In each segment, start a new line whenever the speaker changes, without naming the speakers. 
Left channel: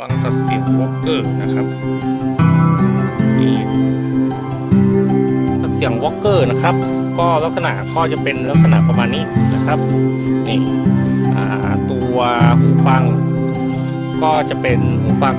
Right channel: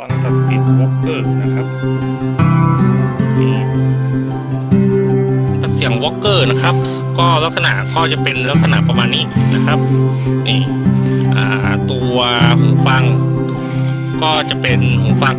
ฟังตัดเสียงวอลเกอร์นะครับนี่ตัดเสียงวอลเกอร์นะครับ ก็ลักษณะก็จะเป็นลักษณะประมาณนี้นะครับนี่ตัวหูฟัง ก็จะเป็นหูฟัง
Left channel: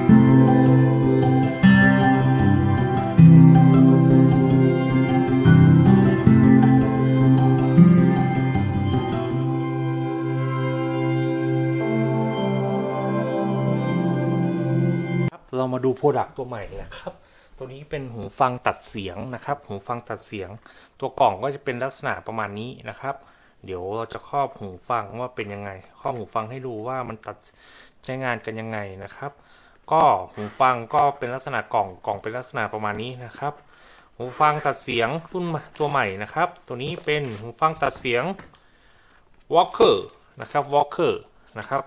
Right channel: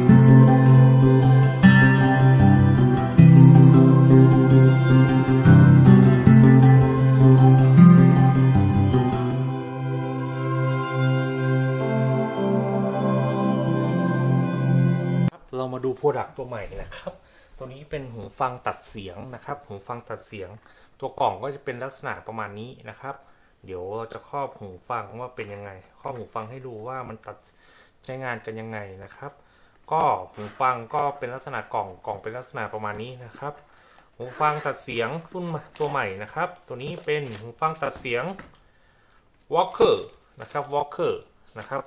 เรามาดูโปรดักต์ตัวใหม่นะครับ ตัวนี้เป็นหูฟังตัดเสียงนะครับ หูฟังตัดเสียง ตัวกล่องก็จะเป็นลักษณะประมาณนี้นะครับ เดี๋ยวเราจะครอบหูฟังว่าเป็นยังไง ครอบหูฟังให้ดูว่ามันตัดใช้งานกันยังไงนะครับ ก็หูฟังก็เป็นลักษณะกล่องกล่องเป็นลักษณะประมาณนี้นะครับ หูฟังตัดเสียงรุ่นตัวใหม่นะครับ ตัวนี้เป็นหูฟังตัดเสียง Walker นะครับ Walker นะครับ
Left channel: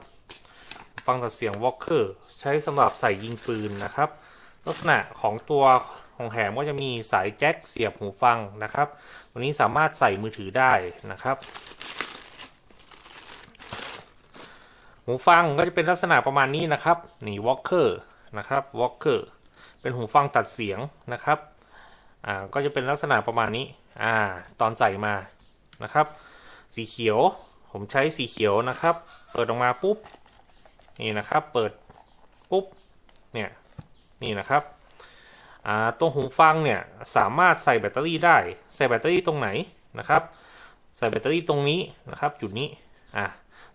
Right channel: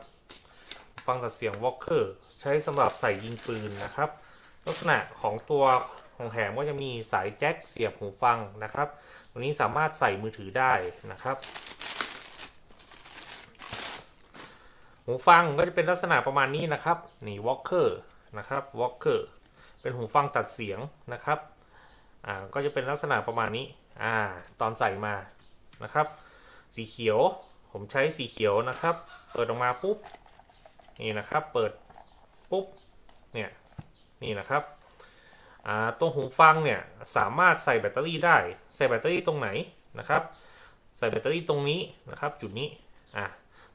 ฟังตัดเสียง Walker ใช้สำหรับใส่ยิงปืนนะครับ ลักษณะของตัวของแหมก็จะมีสายแจ็คเสียบหูฟังนะครับตัวนี้สามารถใส่มือถือได้นะครับ หูฟังก็จะเป็นลักษณะประมาณนี้นะครับนี่ Walker นะครับ Walker เป็นหูฟังตัดเสียงนะครับอ่าก็จะเป็นลักษณะประมาณนี้อ่าตอนใส่มานะครับ สีเขียวผมใช้สีเขียวนะครับ เปิดออกมาปุ๊บ นี่นะครับ เปิดปุ๊บ เนี่ย นี่นะครับตัวหูฟังเนี่ยสามารถใส่แบตเตอรี่ได้ ใส่แบตเตอรี่ตรงไหนนะครับ ใส่แบตเตอรี่ตรงนี้นะครับ จุดนี้ อ่า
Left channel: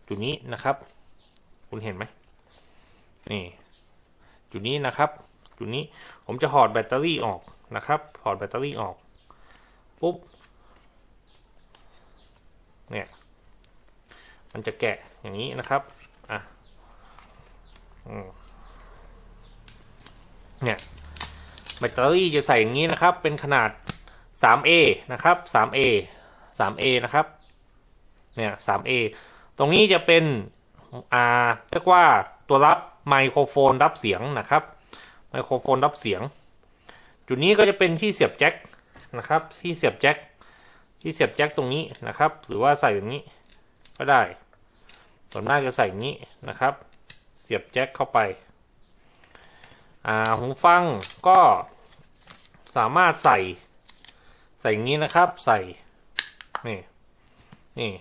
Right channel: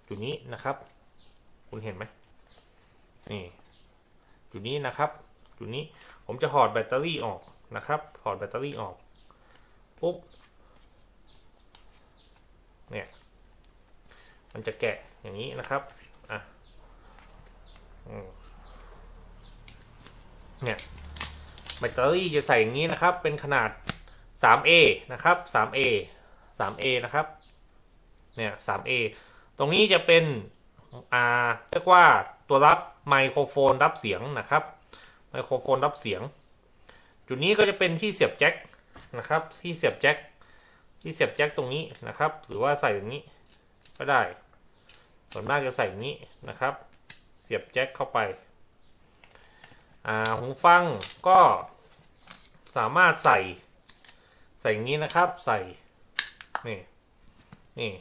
จุดนี้นะครับ คุณเห็นไหมนี่จุดนี้นะครับ จุดนี้ผมจะถอดแบตเตอรี่ออกนะครับถอดแบตเตอรี่ออกปุ๊บ เนี่ย มันจะแกะอย่างนี้นะครับ เนี่ยแบตเตอรี่จะใส่อย่างนี้นะครับ เป็นขนาด 3A นะครับ 3A 3A นะครับ เนี่ย 3A ตรงนี้จะเป็นอ่าเรียกว่าตัวรับไมโครโฟนรับเสียงนะครับ ไมโครโฟนรับเสียง จุดนี้ก็จะเป็นที่เสียบแจ็คนะครับ ที่เสียบแจ็ค ที่เสียบแจ็คตรงนี้นะครับ หรือว่าใส่อย่างนี้ก็ได้ส่วนมากจะใส่อย่างนี้นะครับ เสียบแจ็คเข้าไป อ่าหูฟังก็สามารถใส่ ใส่อย่างนี้นะครับ ใส่ นี่ นี่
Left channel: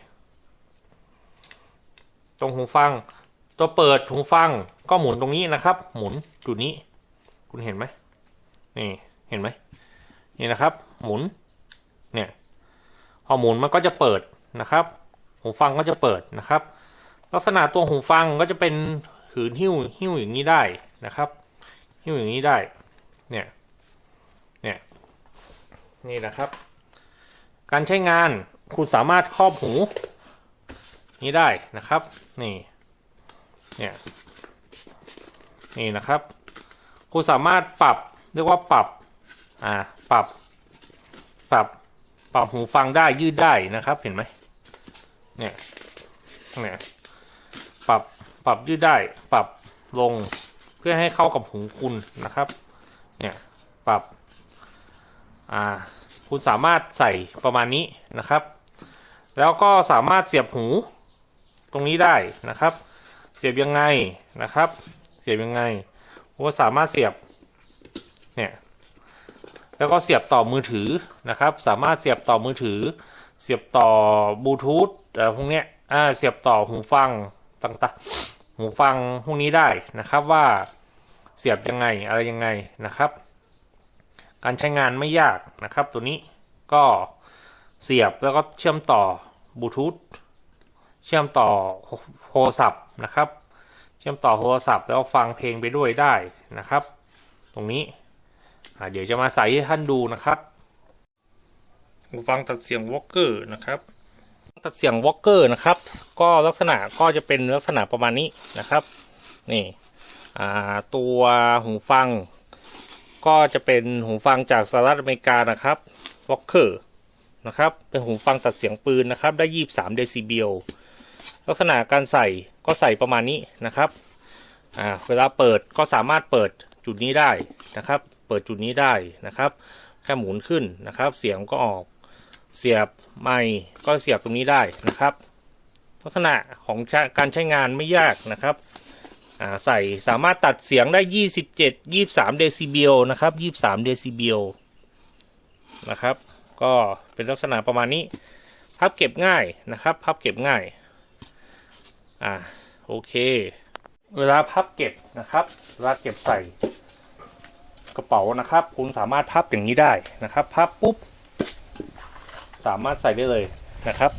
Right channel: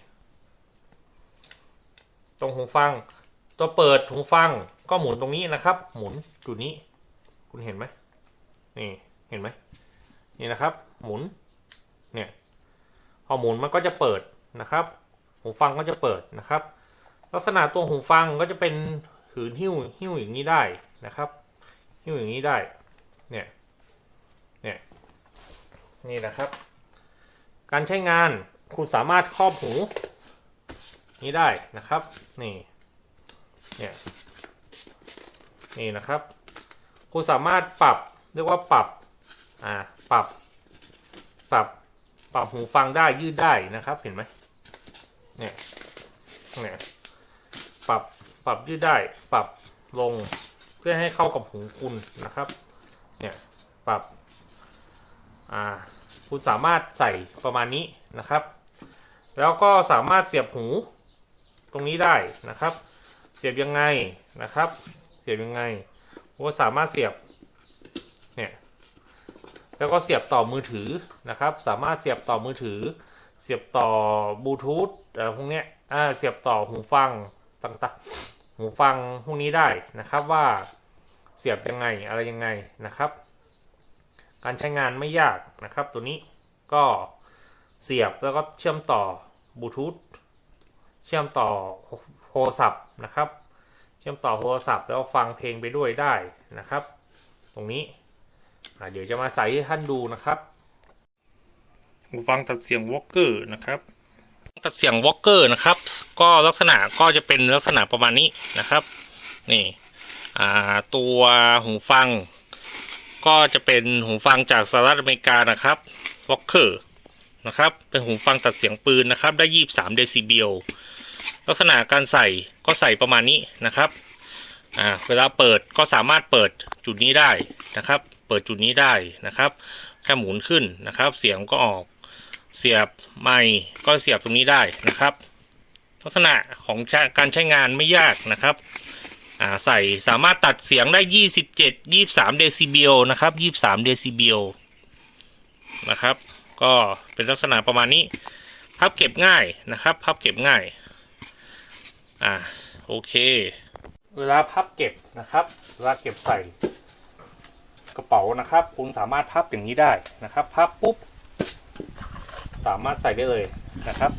ตรงหูฟัง ตัวเปิดหูฟังก็หมุนตรงนี้นะครับ หมุนจุดนี้ คุณเห็นไหมนี่ เห็นไหม นี่นะครับ หมุน เนี่ย พอหมุนมันก็จะเปิดนะครับ หูฟังก็จะเปิดนะครับ ลักษณะตัวหูฟังก็จะเป็น หืนหิ้วหิ้วอย่างนี้ได้นะครับ หิ้วอย่างนี้ได้ เนี่ย เนี่ย นี่นะครับ การใช้งานคุณสามารถครอบหู นี้ได้นะครับ นี่ เนี่ย นี่นะครับ คุณสามารถปรับเรียกว่าปรับ อ่า ปรับ ปรับ ปรับหูฟังได้ยืดได้นะครับ เห็นไหมเนี่ย เนี่ย ปรับ ปรับยืดได้ปรับลงเพื่อให้เข้ากับหูคุณนะครับ เนี่ยปรับ อ่า คุณสามารถใส่ประมาณนี้นะครับ แล้วก็สามารถเสียบหูตรงนี้ได้นะครับ เสียบยังไงนะครับ เสียบยังไงคุณสามารถเสียบ เนี่ย แล้วก็เสียบต่อมือถือนะครับ สามารถเสียบต่อมือถือ เสียบต่อบลูทูธอะไรพวกเนี้ย อ่า เสียบต่อหูฟังต่างๆ หูฟังพวกนี้ได้นะครับว่าเสียบยังไงอะไรยังไงนะครับ การใช้งานไม่ยากนะครับ ตัวนี้ก็เสียบแล้วก็เชื่อมต่อบลูทูธเชื่อมต่อโทรศัพท์นะครับ เชื่อมต่อโทรศัพท์แล้วฟังเพลงไปด้วยได้นะครับ ตรงนี้เดี๋ยวจะมาใส่ให้ท่านดูนะครับหูฟังตัดเสียงวอลเกอร์นะครับ ตัดเสียงวอลเกอร์นะครับ ก็ลักษณะก็จะเป็นลักษณะประมาณนี้นะครับ นี่ตัวหูฟัง ก็จะเป็นหูฟังจากสหรัฐอเมริกานะครับวอลเกอร์นะครับ เป็นหูฟังตัดเสียงปืนนะครับ ได้23เดซิเบลลักษณะการใส่ก็ใส่ประมาณนี้นะครับอ่าเวลาเปิดก็สามารถเปิดจุดนี้ได้นะครับ เปิดจุดนี้ได้นะครับ แค่หมุนขึ้นนะครับ เสียงก็ออก เสียบไมค์ก็เสียบตรงนี้ได้นะครับ ลักษณะของการใช้งานไม่ยากนะครับใส่สามารถตัดเสียงได้ยี่สิบเจ็ดยี่สามเดซิเบลนะครับยี่สามเดซิเบลนะครับ ก็เป็นลักษณะประมาณนี้ พับเก็บง่ายนะครับ พับเก็บง่าย อ่า โอเค เวลาพับเก็บนะครับ เวลาเก็บใส่กระเป๋านะครับ คุณสามารถพับอย่างนี้ได้นะครับ พับปุ๊บ สามารถใส่ได้เลยนะครับ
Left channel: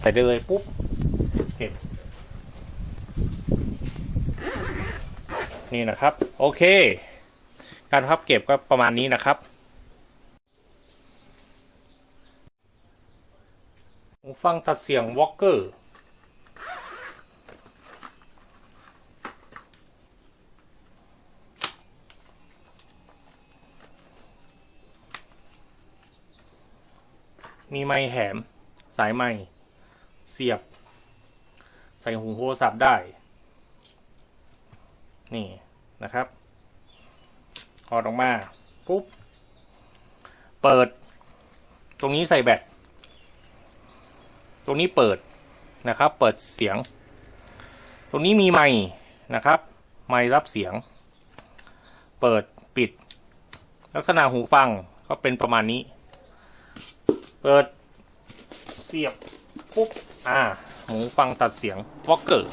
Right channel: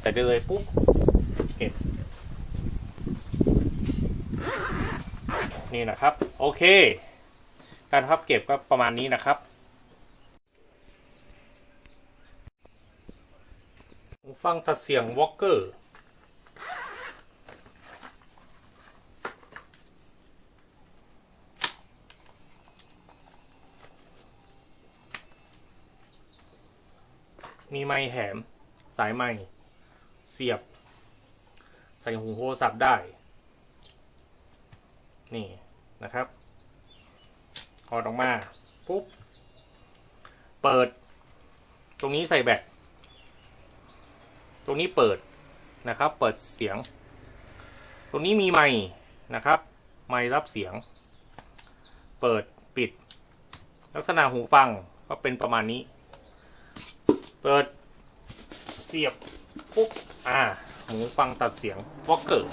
ใส่ได้เลยปุ๊บเก็บนี่นะครับ โอเค การพับเก็บก็ประมาณนี้นะครับหูฟังตัดเสียงวอลเกอร์ มีไม้แหม สายไม้เสียบ ใส่หูโทรศัพท์ได้ นี่นะครับถอดออกมา ปุ๊บ เปิด ตรงนี้ใส่แบตตรงนี้เปิดนะครับ เปิดเสียง ตรงนี้มีไมค์นะครับ ไมค์รับเสียง เปิดปิด ลักษณะหูฟังก็เป็นประมาณนี้ เปิดเสียบปุ๊บ อ่าหูฟังตัดเสียงวอลเกอร์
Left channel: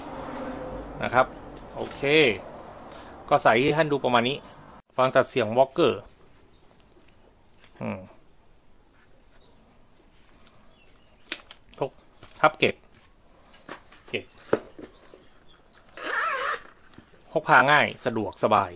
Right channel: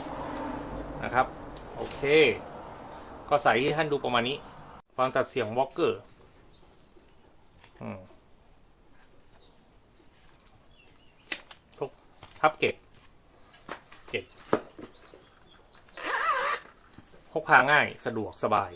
นะครับ โอเค ก็ใส่ให้ท่านดูประมาณนี้ ฟังตัดเสียงวอลเกอร์อืมพกทับเก็บ เก็บพกพาง่ายสะดวกสบาย